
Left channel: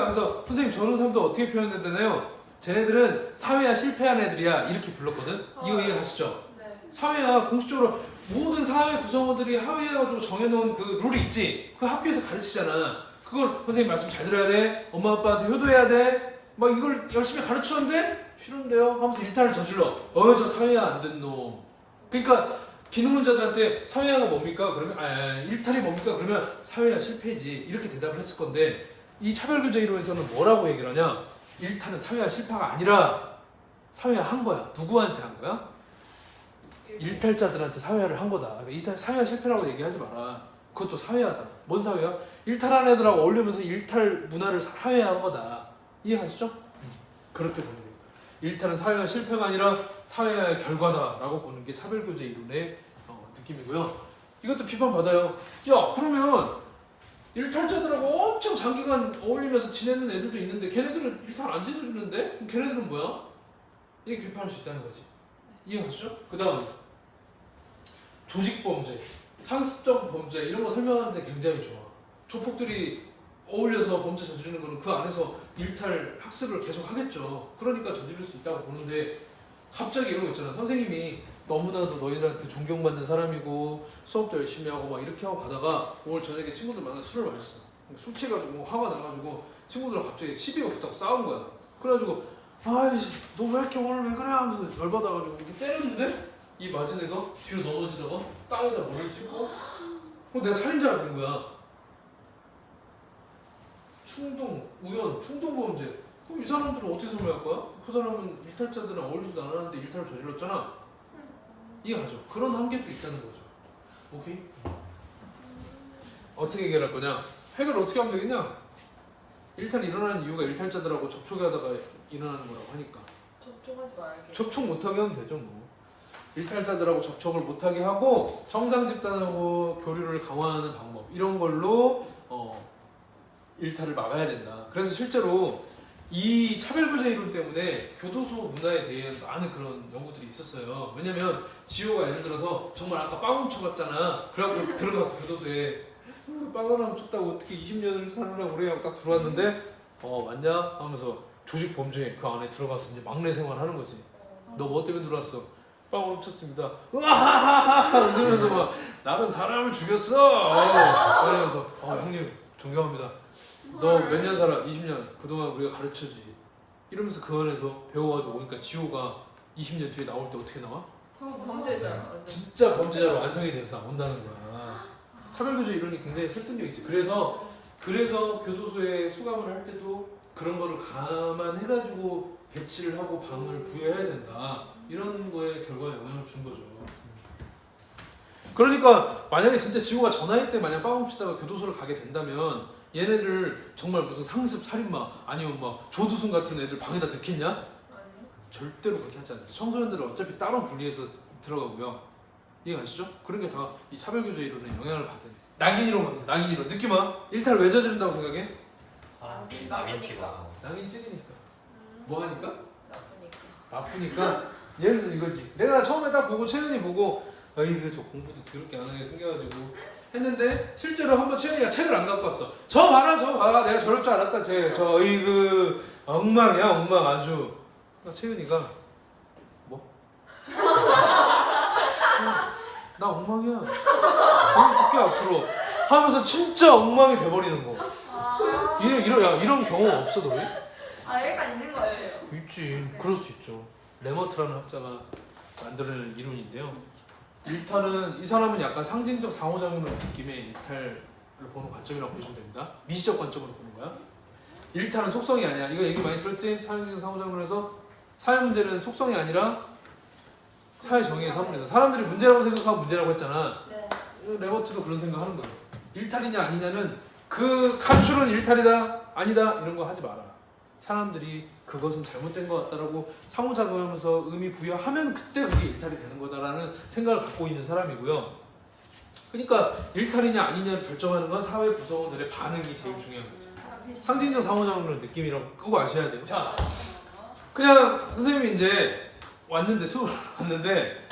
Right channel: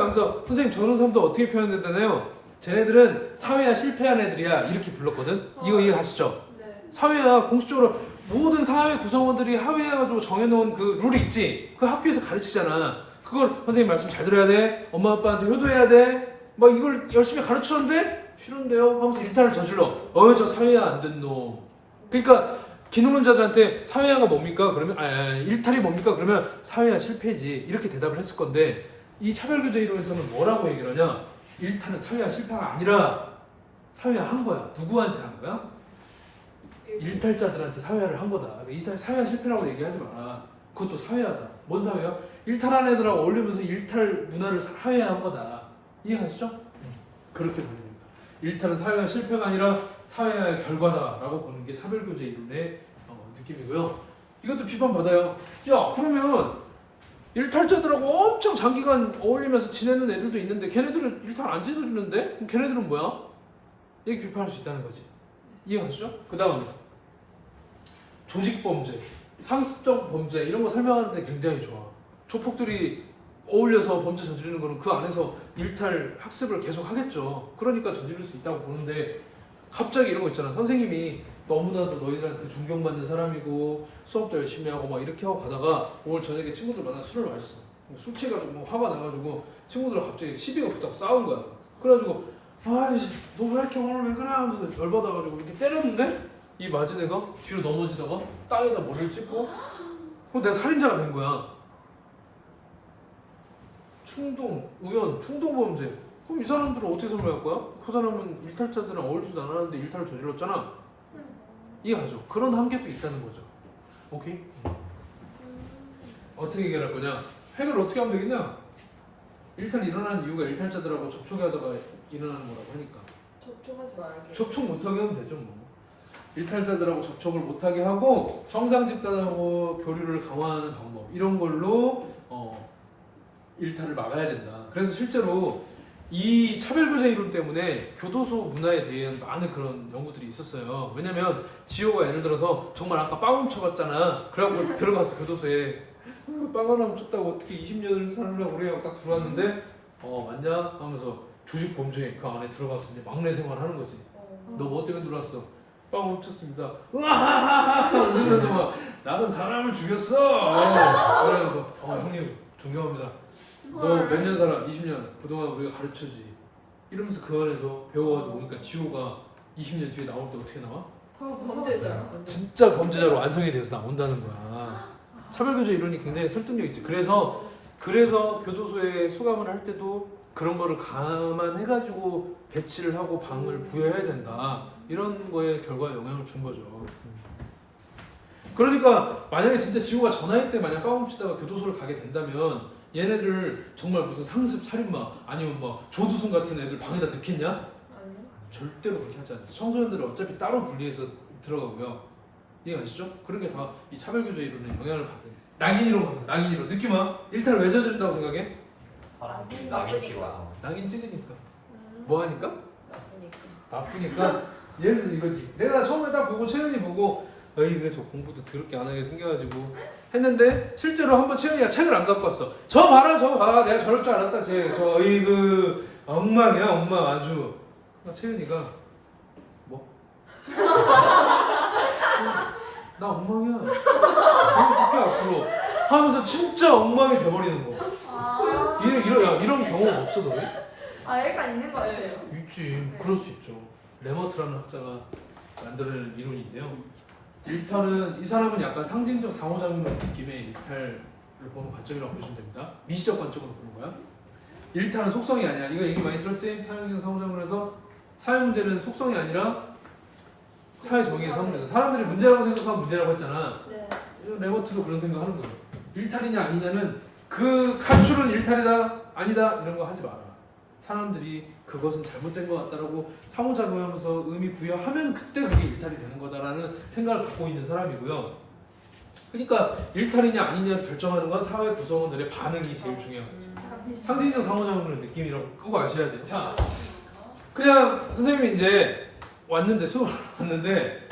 하면서 선생님 저런 사람도 어떻게 표현된다나요? 쟤네들은 사회화 실패한 애들이야 이렇게 불렀거든. 이거 이해가시죠? 네. 사회화 공식적으로 모든 사회 구성원들이 합의해가지고 정해놓은 그 룰이 있지. 그 학교에서 가르치잖아. 그걸 선생님 말씀 잘 들어야 돼. 엄마 아빠한테 효도해야 돼. 막 이걸 열심히 가르치는데 싫은데요? 하면서 일탈을 저질러. 저 사회화 안 된 놈. 그러니까 기능론자들한테 사회화가 뭡니까? 그러면 일탈이 뭡니까? 그러면 사회화 실패지. 이렇게 대답을 했을 건데 이 차별교제 이론에서는 뭐라고 얘기를 하냐? 일탈은 사회화 실패가 아니라 사회화 한 거야. 누구한테 한 거야? 일탈자들한테 사회화를 한 거다. 일탈 사회화 실패라고 얘기하지 마라. 그것도 사회화다. 뭔 사회화? 일탈한 애들하고 어울리면서 일탈 문화를 사회화한 거다. 이해하시죠? 그렇게 보는 겁니다. 일탈은 사회화 실패가 아니라 사회화의 결과다라고 보는 게 차별교제 이론의 느낌이고요. 이것도 비판받아요. 야 그러면 일탈자들하고 엄청 장기간 어울리면서 지내는 애들도 있는데 걔네들은 일탈 안 저지르는데? 그럼 걔네들은 뭐야? 이렇게 비판할 수 있다는 거지. 이해하시죠? 그 다음 조직범죄, 상습적 범죄 이런 거 설명하는데 굉장히 좋아. 조폭들이 어울려서 범죄 저지르는 거는 그 안에서 일탈 학습을 계속 하겠죠. 그러니까 저지를 수 있다고 보는데 갑자기 이런 거 있잖아. 선생님이 너무나도 너희들한테 존경받는 사람이고 수업도 열심히 하고 막 이렇게 하고 가다가 오늘 저녁에 친구들 만나서 술을 마셨어. 술 취해가지고 화가 나가지고 친구들하고 갑자기 시비가 붙다고 싸운 거야. 그래가지고 아이씨 너 왜 이렇게 오늘 왜 그래 하면서 열받아가지고 이렇게 때렸는데 이 맞은 애가 뒤로 넘어지다가 땅에다 머리를 찍고 그럼 내가 살인자가 된 거야. 충동, 우연, 충동범죄. 그럼 이 사람들은 어떻게 설명할 거야? 그 사람은 일탈자들은 어울리지도 않았는데 일탈을 저질렀잖아. 이해가죠? 그런 한계도 있다는 거죠. 오케이? 어떻게 해결할 거냐? 해결을 어떻게 하면 되겠냐? 일탈이 일어나는 이유가 일탈자들하고 접촉하다가 일어나는 거라고 하니까 접촉하지 말게. 접촉 못하게 하면 되죠 뭐. 일탈자들하고 접촉을 못하게 하고 정상 집단하고 교류를 강화하는 방법 이런 걸로 일탈을 막아야 된다. 그래서 실제로 이 차별교제 이론 때문에 교도소 문화에 대한 많은 그런 연구들이 있었어요. 왜냐면 지호가 예를 들어서 정말 아까 빵 훔쳐갔잖아. 그래갖고 들어갔어 교도소에. 빵 하나 훔쳤다고 어떻게 20년을 사느냐고 그래 딱 들어왔는데 맞냐? 하면서 조직범죄 그 안에 들어가서 이제 막내 생활하는 거지. 너 뭐 때문에 들어왔어? 빵 훔쳤습니다. 으아하하하 웃으면서 막 나는 사람을 죽였어. 그러면서 형님 존경합니다. 너 몇 년 살아? 20년. 그동안 우리가 가르쳐주지. 이러면서 그 안에서 배워가지고 오니까 지호가 20년 뒤에 나올 때 어떻게 나와? 범죄자. 진짜 범죄자로 완성이 돼서 나온다는 거야. 차별교조 이론이 굉장히 설득력 있지. 그래서 교도소에 수감을 할 때도 그런 거를 감안해가지고 배치를 하고 방을 부여해야 된다. 이런 거에 결과에 영향을 준 거죠. 그러니까 만약에 진짜 지호가 전화할 때 만약 까먹시다가 교도소를 가게 된다면 얘네를 정말 무슨 상습 살인마 아니면 막 조두순 같은 애들 방에다 넣겠냐? 아니요. 절대로 그렇게 하지 않죠. 청소년들은 어차피 따로 분리해서 들어가고요. 이해가시죠? 그런 게 다 이 차별교조 이론에 영향을 받은 낙인이론 겁니다. 낙인이론. 느낌 와? 일탈을 왜 저지른다고 생각해? 아, 나쁘니까. 낙인 찍어서. 낙인 찍으니까. 뭐 하니까? 나쁘니까. 나쁘니까. 예를 들어서 이거지. 내가 처음에 딱 보고 채연이 보고 에이 왜 저 공부도 더럽게 안 하게 생겨가지고 했는데 실제로 한번 채연이가 책을 안 갖고 왔어. 저 봐라 저 봐. 내가 저럴 줄 알았다. 저 어이구 엉망이야 엉망 아주. 채연이가 뭐? 나 엉망이야. 그렇게 앞으로 하면서 진짜 엉망이 돼버리는 거. 이런 경험 없어 너희? 약간 있는 것 같아요. 있지. 그럴 수 있죠. 레머트라는 학자가 만드는 이론인데요. 일탈은 이 사람은 약간 상징적 상호작용이라는 느낌의 일탈을 보는 관점이라고 보시면 됩니다. 미시적 관점으로 보는 거야. 일탈은 속성이 아니야. 이거 얘기 많이 들었지? 상징적 상호작용에서 사회 문제는 속성이 아니라 사회 정의의 성분이다. 사람들이 문제라고 생각하면 문제라고 했잖아. 네. 레버트도 그런 생각하는 거야. 일탈이냐 아니냐는 그 간출은 일탈이다 아니다 이런 거 하지 마라. 사람들이 그것은 잘못된 것 같다라고 상호작용하면서 의미 부여하면 그때 그게 일탈이 되는 거다라는 생각을 갖고 있는 사람이고요. 그러니까 일탈이냐 아니냐 결정하는 건 사회 구성원들의 반응이 제일 중요한 거지. 약간 비슷한. 상징적 상호작용의 느낌이라고 그거 아셔야 돼요. 자, 그냥 선생님이 이제 왔는데 수업을 왔는데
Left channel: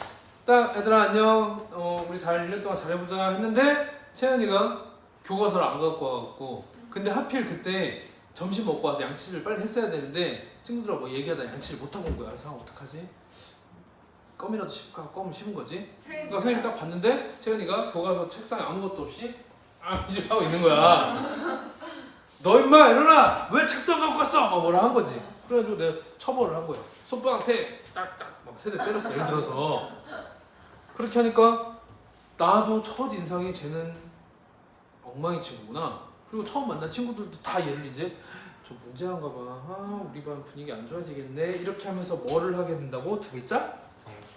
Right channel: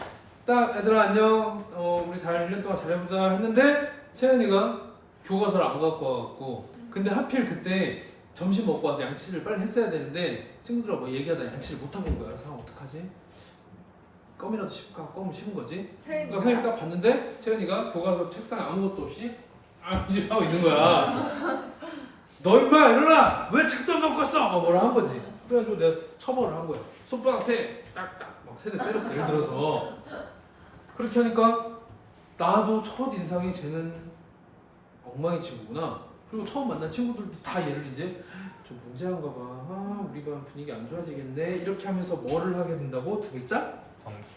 딱 얘들아 안녕 우리 잘 1년 동안 잘해보자 했는데 채연이가 교과서를 안 갖고 와갖고 근데 하필 그때 점심 먹고 와서 양치를 빨리 했어야 되는데 친구들하고 뭐 얘기하다 양치를 못하고 온 거야. 상황 어떡하지? 껌이라도 씹까? 껌 씹은 거지? 그러니까 선생님 딱 봤는데 채연이가 교과서 책상에 아무것도 없이 이제 하고 있는 거야. 너 임마 일어나! 왜 책도 안 갖고 왔어? 막 뭐라 한 거지. 그래가지고 내가 처벌을 한 거야. 손바닥에 딱딱 막 세대 때렸어. 예를 들어서 그렇게 하니까 나도 첫 인상이 쟤는 엉망이 친구구나. 그리고 처음 만난 친구들도 다 얘를 이제 좀 문제한가 봐. 우리 반 분위기 안 좋아지겠네. 이렇게 하면서 뭐를 하게 된다고? 두 글자?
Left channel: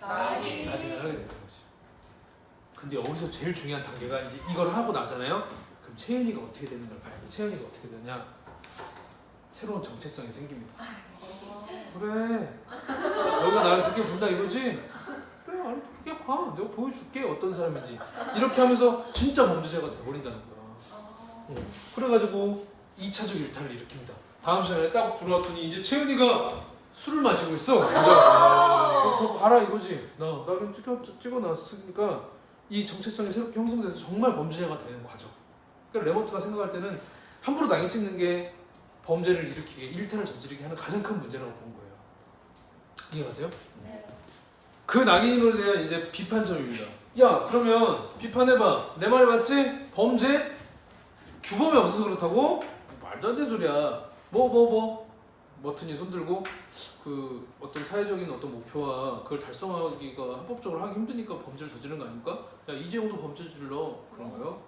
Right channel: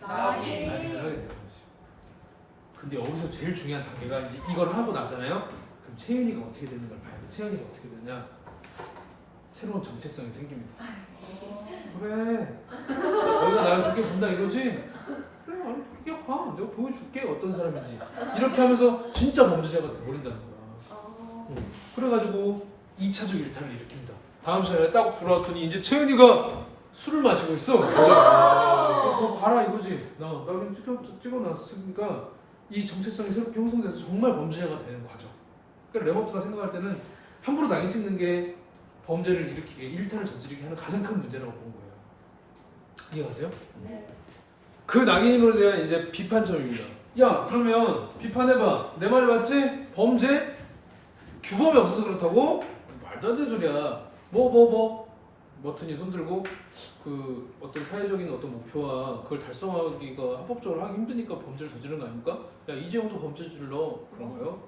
낙인을 하게 되는 거지. 근데 여기서 제일 중요한 단계가 이제 이걸 하고 나잖아요. 그럼 채연이가 어떻게 되는가 봐야 돼. 채연이가 어떻게 되냐? 새로운 정체성이 생깁니다. 그래. 너희가 나를 그렇게 본다 이거지? 그래, 나를 그렇게 봐. 내가 보여줄게 어떤 사람인지. 이렇게 하면서 진짜 범죄자가 돼버린다는 거야. 그래가지고 2차적 일탈을 일으킵니다. 다음 시간에 딱 들어왔더니 이제 채연이가 술을 마시고 있어. 더 봐라 이거지. 나를 찍어놨으니까 이 정체성이 새롭게 형성돼서 정말 범죄자가 되는 과정. 그러니까 레버트가 생각할 때는 함부로 낙인 찍는 게 범죄를 일으키게 일탈을 저지르게 하는 가장 큰 문제라고 보는 거예요. 이해가세요? 네. 그 낙인으로 대한 이제 비판점입니다. 야 그러면 비판해봐. 내 말 맞지? 범죄? 규범이 없어서 그렇다고? 말도 안 되는 소리야. 머튼이 손들고 그 어떤 사회적인 어떤 목표와 그걸 달성하기가 합법적으로 하기 힘드니까 범죄를 저지른 거 아닙니까? 야 이재용도 범죄 저질러 그런가요?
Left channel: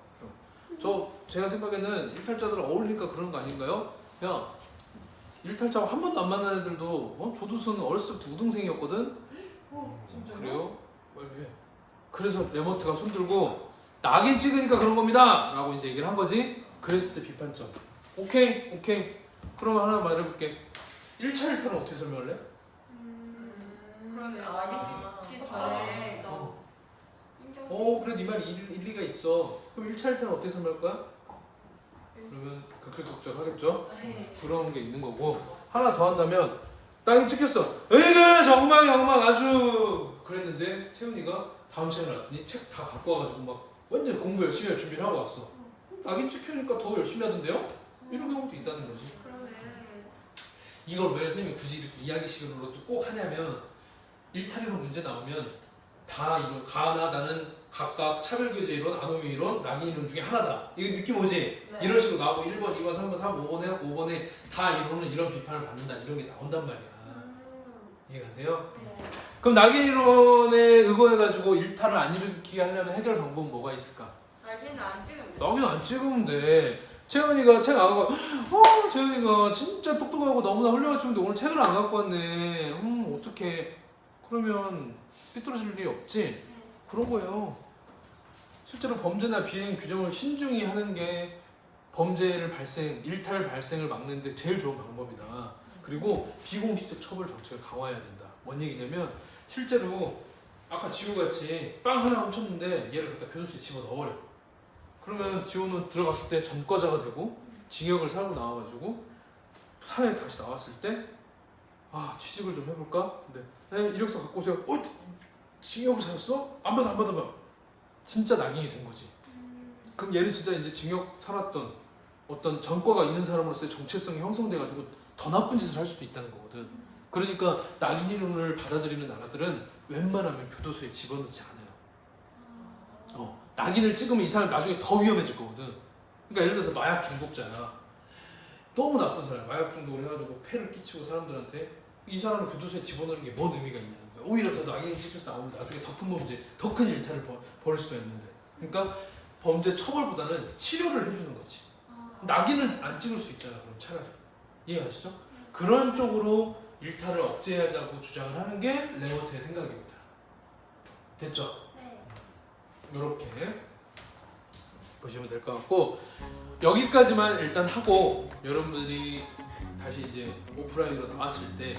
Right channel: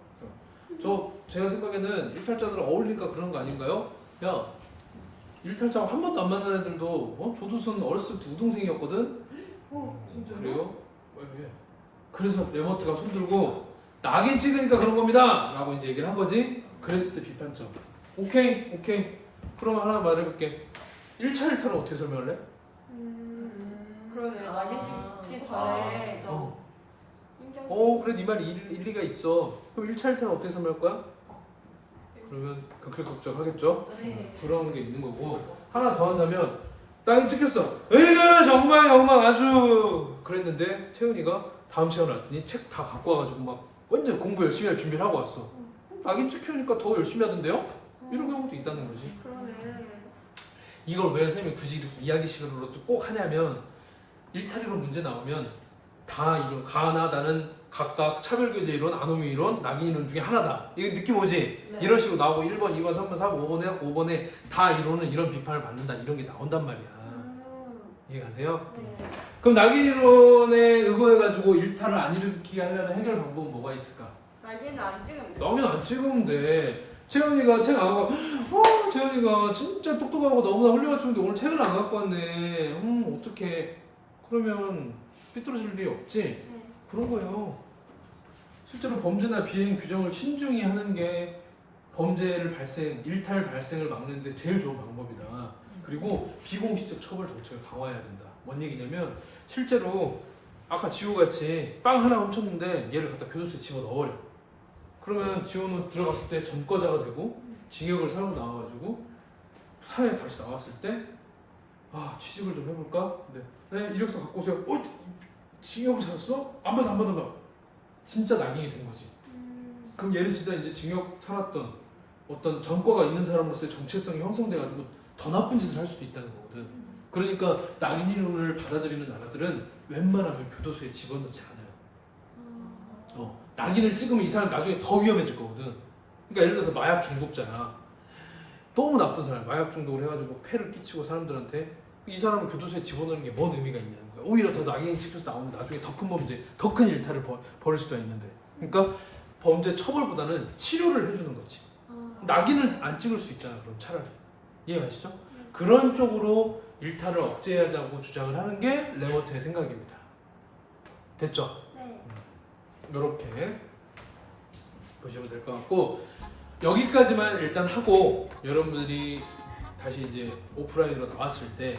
제가 생각에는 일탈자들 어울리니까 그런 거 아닌가요? 야 일탈자하고 한 번도 안 만난 애들도 조두순 어렸을 때 우등생이었거든? 진짜요? 그래요? 왜? 그래서 레버트가 손들고 낙인 찍으니까 그런 겁니다 라고 이제 얘기를 한 거지. 그랬을 때 비판점. 오케이 그러면 하나 말해볼게. 1차 일탈은 어떻게 설명할래? 그러네요. 낙인 찍기 전에 인정. 그래 네 말이 일리가 있어. 그럼 1차 일탈은 어떻게 설명할 거야? 그러면 극힐극적 하겠죠? 네. 그런 게 있는 거고. 하나 더 한다면 낙인 찍혔어. 으이그 엉망 아주 그랬는데 채훈이가 다음 시간에 왔더니 책 다 갖고 와가지고 막 완전 공부 열심히 할 준비를 하고 왔어. 낙인 찍히니까 더 열심히 하던데요? 이런 경우도 있다는 거지. 그러네. 이걸 왜 선생님이 굳이 이렇게 이야기식으로 꼭 하냐면 일탈이론 문제 나오면 다 이런 가나 나는 각각 차별교제 이론, 아노미 이론, 낙인 이론 중에 하나다. 이거 느낌 오지? 네. 이런 식으로 나오고 1번, 2번, 3번, 4번, 5번 해갖고 5번에 다 이론은 이런 비판을 받는다 이런 게 나온단 말이야. 이해가세요? 네. 그럼 낙인이론에 의거해가지고 일탈을 안 일으키게 하려면 해결 방법은 뭐가 있을까? 날개는 안 찍으면 돼. 낙인 안 찍으면 돼. 채연이가 책 안 갖고, 채연이가 진짜 똑똑하고 너무나 훌륭한 친구인데 오늘 책을 안 갖고 왔네. 어떡해. 그러면 삐뚤어질 일이 없지? 네. 그런 거예요. 실제로 범죄나 비행 규정을 신중히 하는 게 범죄를 일탈 발생을 막는 데 제일 좋은 방법이다. 그리고 비공식적 처벌 정책을 강화해야 된다. 뭔 얘기냐면 실제로 아까 지호같이 빵 하나 훔쳤는데 얘를 갖다 교도소에 집어넣어버려. 그러면 지호는 들어갔을 때 전과자가 되고 징역을 살고 나와가지고 사회에 다시 나왔을 때 취직을 좀 해볼까? 근데 이력서 갖고 오세요. 징역을 살았어? 안 받은가? 진짜 낙인이 된 거지. 그럼 얘는 진짜 이제 징역 살았던 어떤 전과가 있는 사람으로서의 정체성이 형성돼가지고 더 나쁜 짓을 할 수도 있다는 거거든. 그러니까 낙인 이론을 받아들이는 나라들은 웬만하면 교도소에 집어넣지 않아요. 낙인을 찍으면 이 사람 나중에 더 위험해질 거거든. 그러니까 예를 들어서 마약 중독자야. 너무 나쁜 사람, 마약 중독을 해가지고 폐를 끼치고 사람들한테 이 사람을 교도소에 집어넣는 게 뭔 의미가 있냐는 거야. 오히려 더 낙인이 찍혀서 나오면 나중에 더 큰 범죄, 더 큰 일탈을 벌일 수가 있는데. 그러니까 범죄 처벌보다는 치료를 해주는 거지. 낙인을 안 찍을 수 있잖아. 그럼 차라리 이해가시죠? 그런 쪽으로 일탈을 억제하자고 주장을 하는 게 레버트의 생각입니다. 됐죠? 네. 이렇게 보시면 될 것 같고 여기까지만 일단 하고 여러분들이 다시 이제 오프라인으로 나왔을 때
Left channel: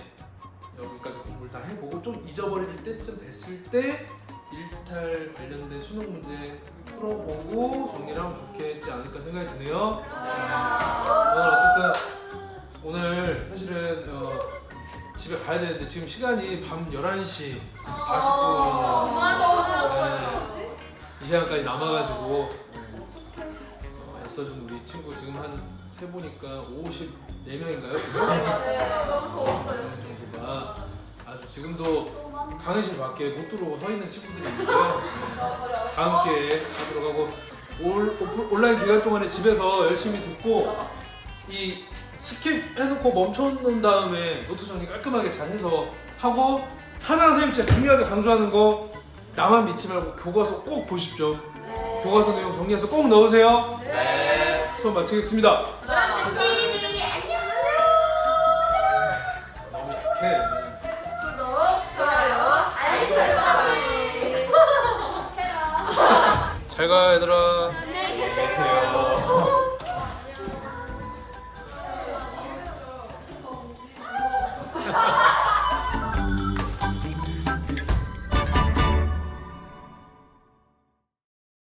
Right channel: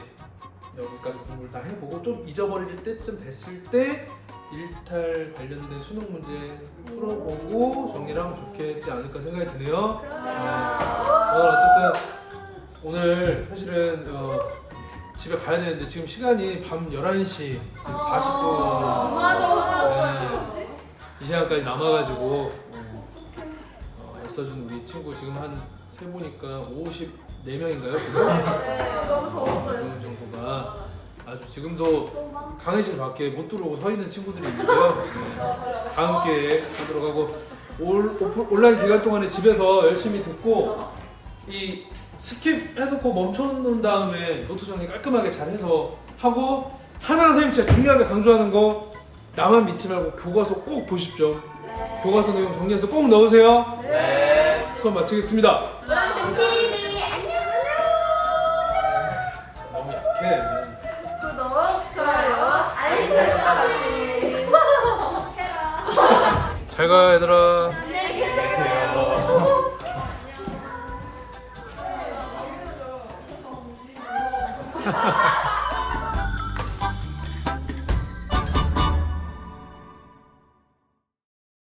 여기까지 공부를 다 해보고 좀 잊어버릴 때쯤 됐을 때 일탈 관련된 수능 문제 풀어보고 정리를 하면 좋겠지 않을까 생각이 드네요. 어쨌든 오늘 사실은 집에 가야 되는데 지금 시간이 밤 11시 40분 맞아. 이 시간까지 남아가지고 애써준 우리 친구 지금 한 세보니까 54명인가요 지금? 너무 더웠어요. 그 정도가 아주 지금도 강의실 밖에 못 들어오고 서 있는 친구들이 있는데요. 다음 기회에 하도록 하고 온라인 기간 동안에 집에서 열심히 듣고 이 스킵 해놓고 멈춰놓은 다음에 노트 정리 깔끔하게 잘 해서 하고 하나 선생님 진짜 중요하게 강조하는 거 나만 믿지 말고 교과서 꼭 보십시오. 교과서 내용 정리해서 꼭 넣으세요. 네. 수업 마치겠습니다. 노란색 TV 안녕. 너무 약해. 구독, 좋아요, 알림 설정까지. 잘 가 얘들아. 안녕히 계세요. 안녕.